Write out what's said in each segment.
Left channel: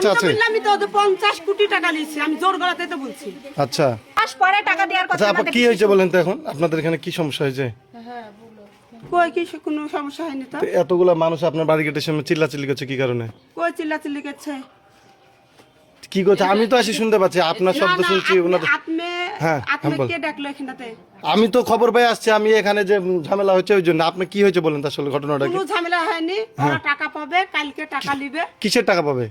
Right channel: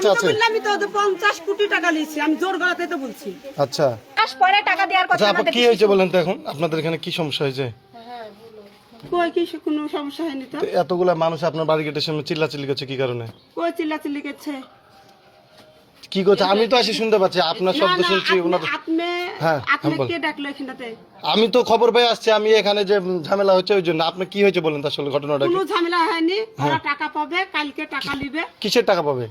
আছে আছে আমি তো 50 কোটি টাকা নিয়েছি, আমি জোর গলাতে তো বলছি। আচ্ছা মাস পরে টাকা দেওয়ার কথা আচ্ছা আপু আমাদের কি হয়েছে বলেন তো এখন আপনাদের এখানে কি সমস্যা হয়েছে কই কি কোনো সমস্যা হয়নি তো? তো এতগুলা মানুষ আপনার বাড়ি গেটের সামনে চিল্লাচিল্লি করছে কি কারণে কই চিল্লাচিল্লি করছে? কি করছে আমি তো আসি শুনতে পাচ্ছি আপনার শব্দ শুনছি ওনার আপনি হ্যাঁ, আপনি বল। কে ডাকলো এখানটাতে? আমি তো খবর পেয়ে আসছি আমি এখানে যে ঝামেলা হচ্ছে ওই জন্য আপনার কি হয়েছে বলেন তো আসলে ঘটনাটা কি কোনো ঝামেলা হয়নি, ওরা টাকা পাবে, কালকে টাকা নিবে, কিসের টাকা পাবে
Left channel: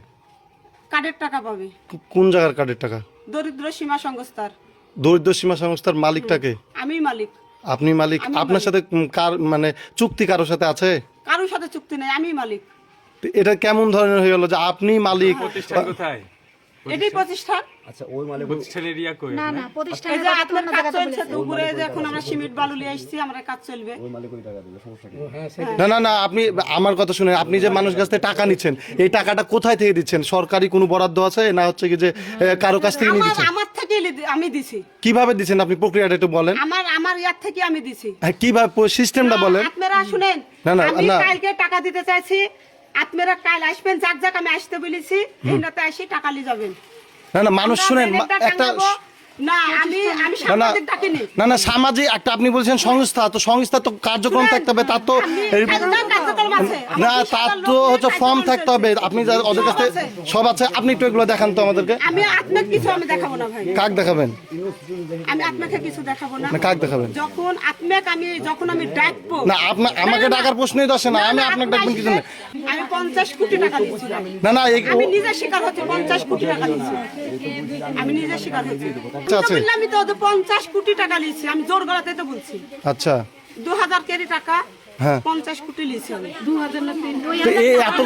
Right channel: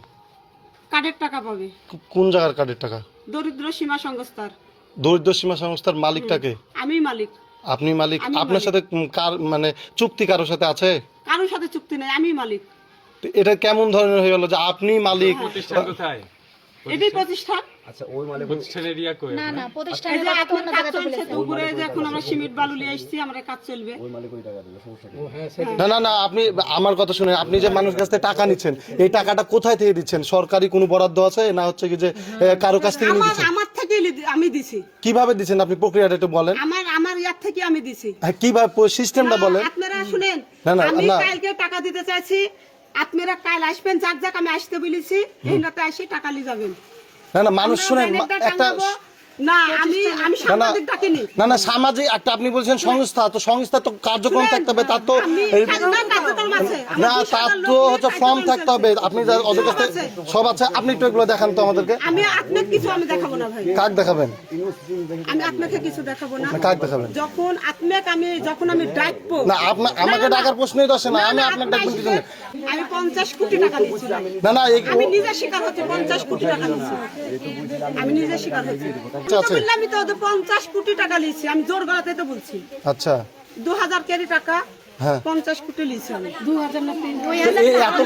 কার্ডের টাকা পাবে, কোন জায়গার কার্ডের টাকা দরিদ্র সীমা সংস্থার। দরিদ্র সীমা সংস্থার মালিকটাকে আমি মালিক, আপনি মালিক আপনার সাথে কার মানে চুক্তি কারোর সাথে আছে কারোর সাথে চুক্তি নাই, আমি মালিক। তো এটা কেমন ধরনের হয়ে গেল যে আপনি মালিক প্রতিষ্ঠান কোথায়? এটাই প্রতিষ্ঠান। আচ্ছা ওই মালিক প্রতিষ্ঠান এরিয়া কই? না না এই প্রতিষ্ঠানের যে কথা তো আপনার অন্য কাজ জায়গাতে চলছে বলেছে। তো উপরে যে এখন আমরা সিমেন্ট বালু নিয়ে আসছি, আমরা কাজ চলবে। ওই মালিক ওই টাকা দেবে, সমস্যা কি? না না না আপনি আমার কথা শুনে আপনি যে মানুষ কাছ থেকে টাকা নিচ্ছেন এই টাকাটা কোথায় থেকে দিচ্ছেন সরকারি কোনো বরাদ্দ আছে না হচ্ছে কি যে কারো কাছ থেকে নিয়ে দিচ্ছেন আমার থেকে আমি দিছি, কিভাবে দিচ্ছেন আপনি প্রক্রিয়াটা একটু বলেন আমার ইয়ার থেকে আমি দিছি। হ্যাঁ কিভাবে সিস্টেমটা বলেন আপনারা শুনেন, না, না, আমি না। কালকে টাকা দিতে চাইছি, আপনারা কাল আসবেন, যাক আমি আসতে বলেছি, এই নাতে আসি টাকা নিয়ে যাবেন। না না মানুষ শুনেন আমরা একটা টাঙাবো। না আমি সাংবাদিক ডাকিনি। না না সামাজিক একটা আপনি বলছেন সংস্থা তো সংস্থা তো কার্যক্রম থাকতে হবে তার তো কার্যক্রম আছে, আমার না 20,000 তার লোক তো হচ্ছে ফর্ম কার্যক্রম থাকতে হবে আপনি যা ওদের কাছে সব আছে আপনি একটু এগুলো দেখান তো আমাদেরকে আমি আপনার কিছু আমি দেখাবো না ভাই, কাক দেখাবেন আমি আপনাকে কিছু দেখাবো না। না কাক দেখাবেন যখন আমি ডাকবো, না আপনার আমাকে ডাকার প্রশ্নই তো আসে না আমি আপনাকে ডাকবেন কিছু না আমি 50 কোটি টাকা দিয়েছিলাম। না না আমি নিজে স্বীকার হচ্ছে 50 কোটি টাকা দিয়েছি, আমি নিজে স্বীকার হচ্ছি। আছে। আমি তো 50 কোটি টাকা নিয়েছি, আমি জোর গলাতে তো বলছি। আচ্ছা 2000 কোটি টাকা, হ্যাঁ 50 কোটি নিয়েছি আমি। 2000 না 3 তো এই এত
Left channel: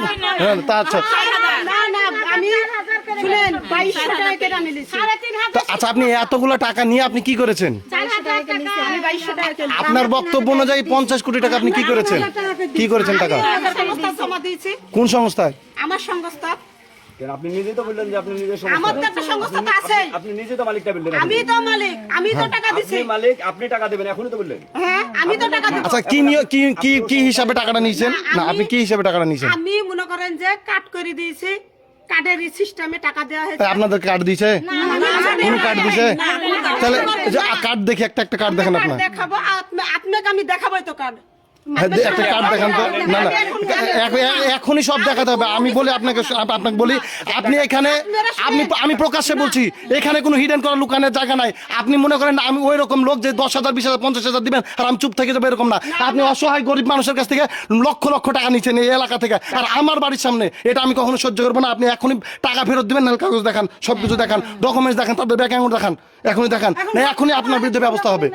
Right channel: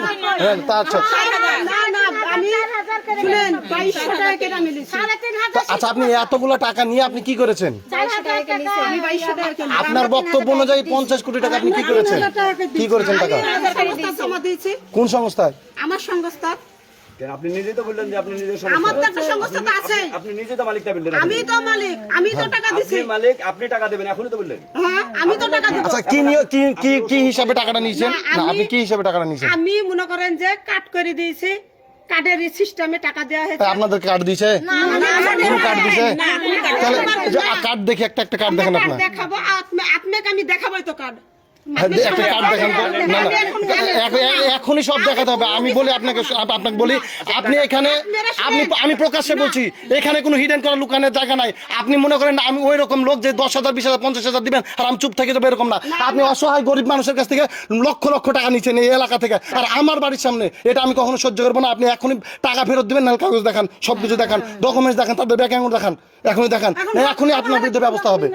হ্যাঁ তা আচ্ছা না না আমি শুনেন 2200 টাকা কেটে আমি নিয়েছি। তো আচ্ছা আপনি এতগুলো টাকা নিয়ে আপনি কি করেছেন আমি 2200 টাকা কেটে আপনার বক্তব্য অনুযায়ী 50 কোটি টাকা আপনি কি করেছেন কি করেছেন টাকা সংস্থা জমা দিয়েছি, কোন সংস্থায় আমার সংস্থা। কেন আপনি নিজেই তো বললেন যে আপনি নিজের আমার তো সমস্যা, একটা সংস্থা তো আছে, আপনি নিজে তো মালিকটা বললেন, আমি তো মালিক, আমি তো টাকা দিছি। আপনি মালিক, আপনি টাকা দেবেন, এখনই তো বললেন। হ্যাঁ আমি তো টাকা দিব। আচ্ছা কি কি কি কি হিসাবে টাকাটা নিয়েছেন না আপনি কি হিসাবে টাকাটা নিয়েছেন আমি মনে করেন যে কাট করে দিয়েছি, কার্ডের সিস্টেমে টাকা দেওয়া হয়েছে। আপনাদের কার্ড দিয়েছে কোন কার্ড দিয়েছে তাহলে যে কার্ড দেখি একটা একটা কার্ড দেখেন আপনার দেখাবো, আপনাকে আমি দেখাবোই তো কার্ড। হ্যাঁ, একটা কার্ড দেখান তো না না এখনই সব দেখাতে হবে আমি বলি আপনাকে আপনাকে বলি আপনি এখানে আমি প্রকাশ্যে বলছি এখানে কোনো হিডেন করা লুকানোর জায়গা নাই আপনি মনে করেন আমি ওই রকম লোক যে 10,000 20,000 50,000 দিবেন আর আমি চুপ থেকে যাবো এরকম না আপনি অসহায় গরিব মানুষের কাছ থেকে লক্ষ লক্ষ টাকা নিচ্ছেন এই এলাকা থেকে আর আমার বাড়ির সামনে এটা আমি কখনো সহ্য করবো না আপনি এখনই টাকা ফেরত দিবেন না কাগজ দেখান সবকিছু দেখান ডকুমেন্টস দেখান তাদের ব্যাংক অ্যাকাউন্ট দেখান এখনই দেখান না এখনই আপনার বিরুদ্ধে ব্যবস্থা হবে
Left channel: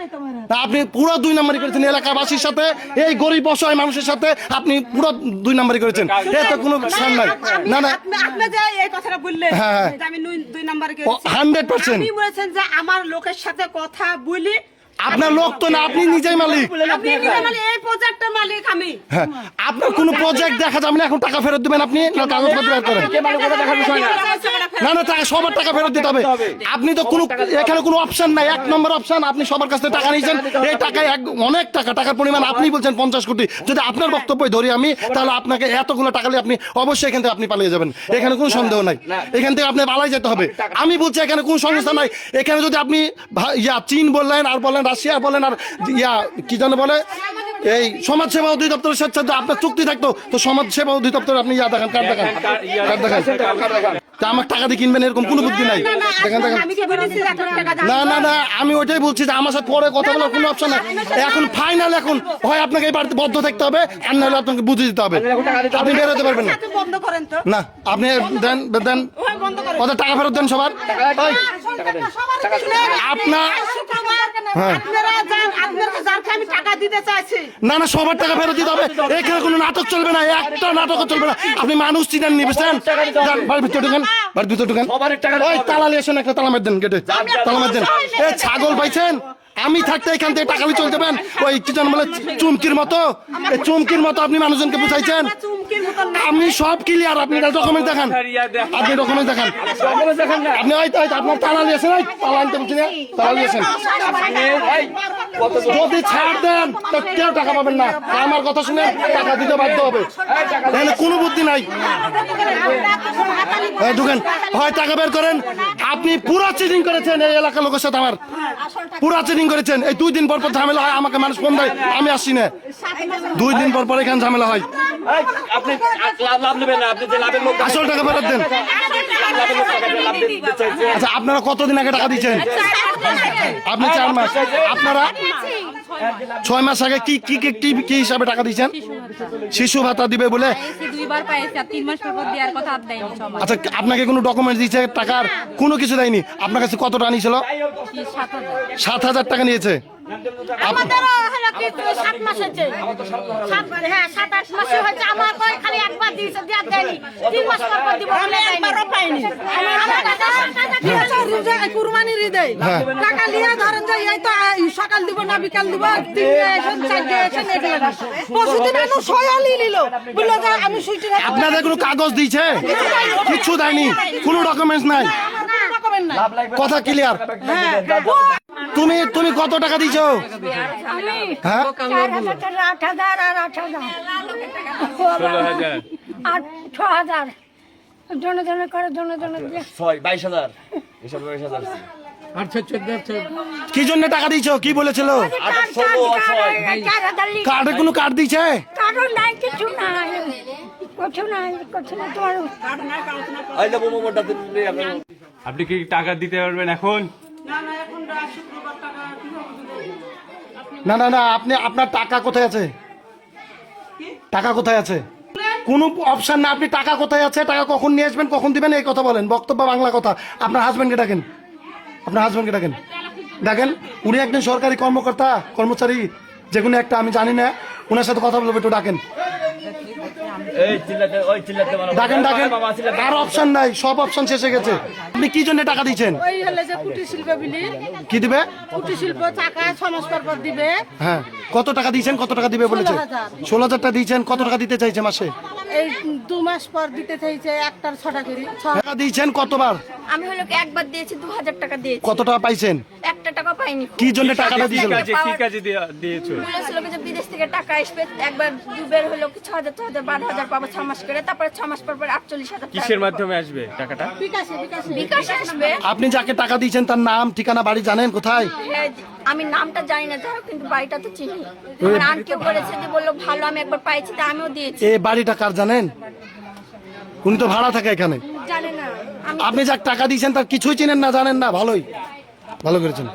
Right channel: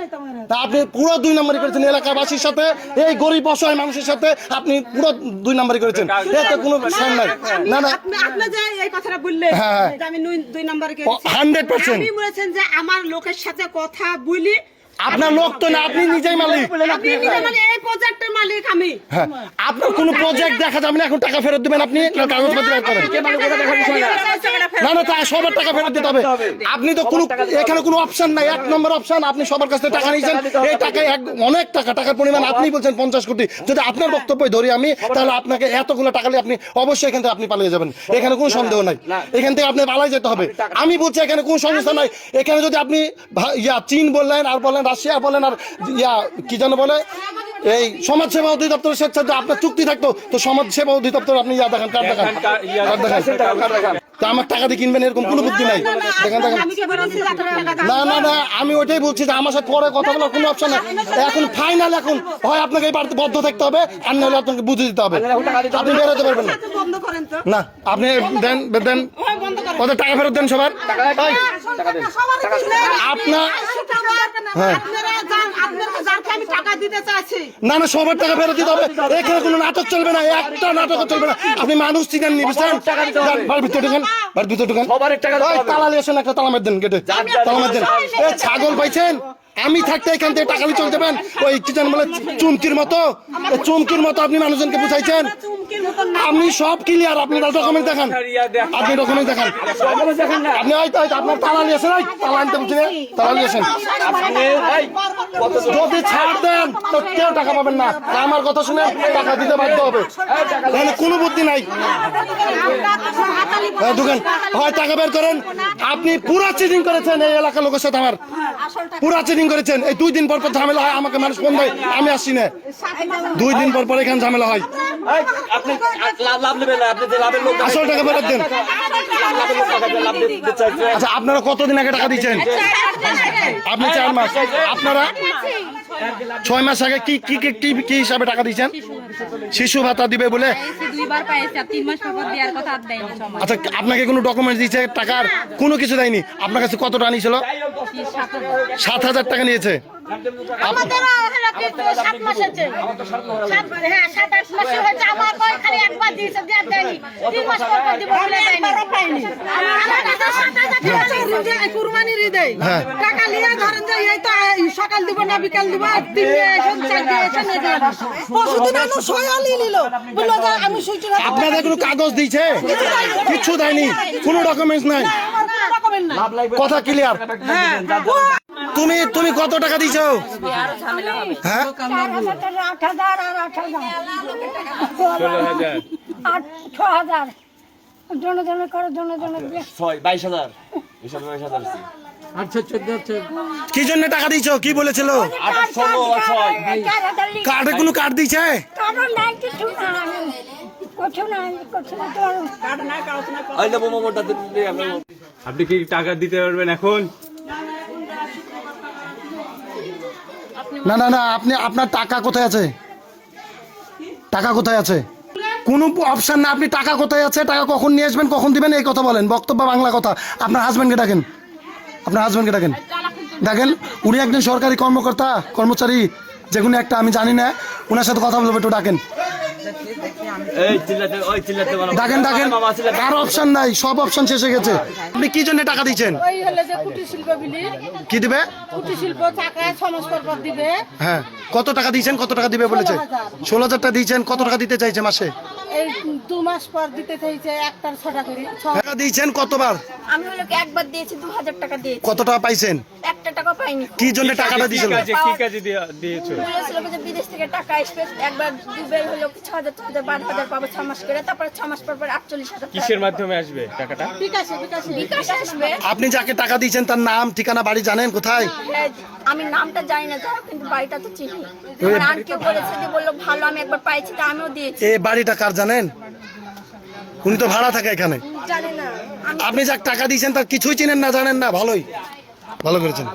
আপনি পুরো 2 নম্বরই করেছেন এলাকাবাসীর সাথে এই গরিব অসহায় মানুষের সাথে আপনি পুরো 2 নম্বরই করেছেন এতে কোনো শর্ম নাই না না আপনি যে এই কথাটা বললেন হ্যাঁ। যে আমি 2 নম্বরে 100% আপনি বলেছেন যে আমার লোকের সাথে কথা বলি, আপনার লোক তো না আপনি নিজেই মালিক আপনি নিজে মানে এই প্রজেক্টের মালিক আমি। হ্যাঁ আপনার কোনো প্রজেক্ট দেখা যাবে না এখন টাকা ফেরত দিবেন আপনি না কাগজপত্র বের করেন না না তা সবার টাকা ফেরত দিতে হবে আপনি তো কোনো এখানে কোনো অপশন নাই 1 নম্বর অপশন আপনি সবার কাছ থেকে টাকা নিয়েছেন এই টাকা অনেক টাকার পরিমাণ আপনি বলছেন 50 কোটি যদি আপনার বক্তব্যই ধরি আমি তাহলে আপনাকে এতগুলো টাকা নিয়ে আপনি অবশ্যই এখান থেকে আপনি পালিয়ে যাবেন এখানে কোনো সন্দেহ নাই এখান থেকে আপনি পালাই যেতে হবে আমি বলছি এখানে কোনো সমস্যা নাই এখানে যদি আপনি চীন বললেন আর বলেন রাশিয়া বলেন আর কি জানে বলে এই সমাজসেবা অধিদপ্তরের সাথে যদি আপনার চুক্তি থাকতো তো সমাজসেবা অধিদপ্তর আপনি দেখান কার্ড দেখান আমার টাকা দিয়ে কিনবেন এরকম কোনো বুদ্ধি নাই দেখেন দেখেন আমি কি বলেছি যে আপনার টাকা দাও? না না না আমি ওইটাই বলছি যে আমার সাথে পরে কথা বলার কোনো অপশন নেই এখন ফাইনাল এখন হয় আপনাকে এই বাড়িতে বদ্ধ থাকতে হবে আর নাহলে আপনাকে বুঝে দিতে হবে আপনি বেরোতে পারবেন না একটু বন্ধ করেন তো। না আপনি দেন দেন ওই বন্ধ করেন। ওদের টাকা ফেরত দেন সবার এই, আপনার আপনারা যাকে আমি টাকা দিতে চাইছি, না না সবার টাকা ফেরত দিতে হবে এখানে কোনো নাটক চলবে না একটা নাটক চলবে না আপনি মানুষ চিনেন নি বুঝছেন বাড়ির ভিতরে ঢুকেন বাড়ির ভিতরে ঢুকেন ওই তালা নিয়ে আসেন একটা তালা মার দেন গেটে তালা মার দেন এই ছাগল পাইছেন আমি থাকতে এখান থেকে টাকা নিয়ে চলে যাবেন ওই কি জান বলে চুমকির মতো, এই চুমকির মতো আপনি মানুষজনকে বুঝাইছেন। আপনি সব ক্লিয়ার, আপনি ডকুমেন্ট দেখান, আপনি ডকুমেন্ট দেখান, আপনি আপনার তালা নিয়েছেন, তালা আনতে বলছি, তালা নিয়েছেন। যদি ছাড় দেন তো কেউ টাকা পাবেন না, আমার কথা শুনে টাকা দিতে বাধ্য হবে, এখানে কোনো বুদ্ধি নাই। ঢুকেন, হয় টাকা বের করেন। আপনি পুরো চিটিং করেছেন এই এলাকার লোকের সাথে, আমার পুরো চিটিং করেছেন। এই 2 দিন পর পর ঝামেলা হয়, আমাকে মানুষ ফোন দেয়, আমি আসছি না। 2 দিন পর পর এখানে ঝামেলা হয়। আপনি লাভ নেবেন না, আপনি যে লাভের লোক আসল টাকা ফেরত দেন। লাভ দিতে চাইছে। আচ্ছা, আপনারা কতদিন আগে টাকা দিচ্ছেন? আপনি 4 মাস, আপনারা 6 মাস আগে কি কি কি কি কি হিসাবে টাকা দিচ্ছেন? শিশু ভাতা দিবে বলে। 2বার পাইছি, আর 3 মাস পর দেওয়ার কথা আর দেয়নি সবাই। আচ্ছা, আপনাকে কোনো ডকুমেন্ট দিয়েছে টাকার? কোনো কিছু দেয়নি। আপনার কাছে কত টাকা নিয়েছিল? 7,000 টাকা নিয়েছে। আমাদেরও হলো কি 7 মাস হয়েছে। হ্যাঁ 7-8 মাস হয়েছে। আমার কই খালি একবার দিয়েছে, দেয়া দেয়নি। 3 মাস পর পর দিব বলে দেয়নি। আমার কাছে 7,000 টাকা আছে। কুরবানির ঈদে হ্যাঁ। টাকা নিয়ে ধরেন যে এই তো সকাল দিব না বিকাল দিব, 3 এসে 4 এসে নেবে। পরশুদিন আমি সয়ালি নিল বললো যে আমি সুইটি আপনাদের কোনো কাগজ দিয়েছে? কিছু দেয়নি, কোনো ডকুমেন্টস নাই, কথা ক্লিয়ার। তুমি তুমি কত টাকা দিছো? হ্যাঁ 4,000 টাকা, 8,000 আর 8,000 6,000 জনে জনে করে জনে জনে দিয়ে 22,000 এসব 22,000 কি জন্য টাকা দিছো? কি বলেছিল? 4,000 কার্ডে কোনো কার্ড দিয়েছে? কারণ নাই কিছু নাই, কিছু নাই, কিছু না তো এই যে মোমোটা দিতে আপনি আপনি কি টাকা দিতে পারবেন এখন? না না না, আপনি আপনার টাকা কোথায় আছে? টাকা কোথায় আছে? কোনো অপশন না। আপনি টাকা কোথায় আছে, টাকা কখন নিয়ে আসবেন, কখন দিবেন, এই কথা বলেন। বক্তব্য বাংলা কথা। আপনার হাজবেন্ডকে ডাকেন, আপনার হাজবেন্ডকে ডাকেন, দেখেন উনি একজন সরকারি কর্মকর্তা, কর্মচারী, যে কোনো একটা, আমি জানি না, ওনার সাথে কথা বলবো, একটু ডাকেন, এই চিল্লাতে বলো। ডাকেন ডাকেন। আর অপশন নাই, সব অপশন শেষ হয়ে গেছে। আপনি কি জন্য টাকা দিচ্ছেন? ওই হলো যে কুটির শিল্প বিলি, কি দিবে? কুটির শিল্প টাকা 6 মাস পর পর দিবে। হ্যাঁ, কত টাকা দিয়েছেন? কত টাকা দিবে বলেছে? 16,000 টাকা দিয়েছেন। কত টাকা দিতে চাইছে মাসে? এই 2 মাস পর দিতে চাইছে একটার 6টা করে। টাকা দিয়েছেন কতবার? আমি হলো কি একবার দিয়েছি, 2,000 টাকা দিয়েছি, কত টাকা পাইছেন? 1 টাকা পাইনি। কি জন্য টাকাটা দিয়েছিল? কি কাজে দিয়েছো? বলেছিল যে বিদেশ থেকে টাকা আসবে, একবার দুবার হলো কি 6,000 12,000 পাবো 6 মাস করে, তারপরে 6 মাস পর পর 48,000 কিসের মাধ্যমে আসবে টাকাটা? বিকাশে আসবে। আপনি যাকে টাকা দিয়েছেন তার নাম, ঠিকানা, বাড়ি জানেন কোথায়? হ্যাঁ, আমি নামটা জানি না যারা, কিন্তু বাড়িটা তো চিনি। আমার আন্টিও বলেছে যে বললো ভালো, আমি একবার পাইছি, তা আমিও দিয়েছি। এই বাড়িটা কার জানেন? উনি তো ভাড়া থাকে এখানে। জানি না আমি। আপনি যাকে টাকা দিয়েছেন তার কিছুই চিনেন না, জানেন না? ভালোই, ভালো করেছেন।